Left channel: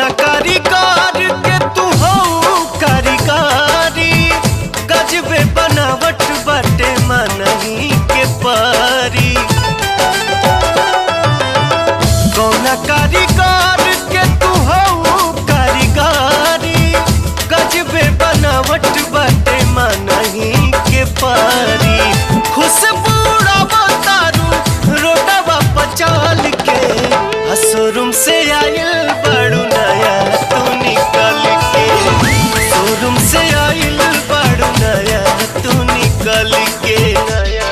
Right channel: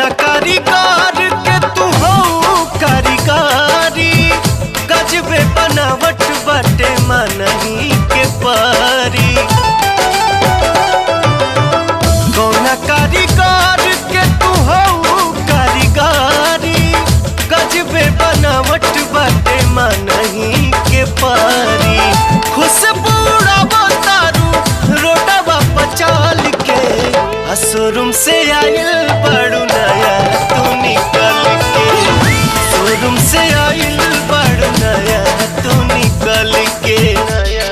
कौना कारीगर के तू हो कारीगरी, गजबे बनावट बाटे मनही के परी। कौना कारीगर के तू हो कारीगरी, गजबे बनावट बाटे मनही के परी। खुशबू तारू रोडवा पचाल के, शोरूम से आइल बड़ू नया तू निकल के। शोरूम से आइल बड़ू नया तू निकल के। नया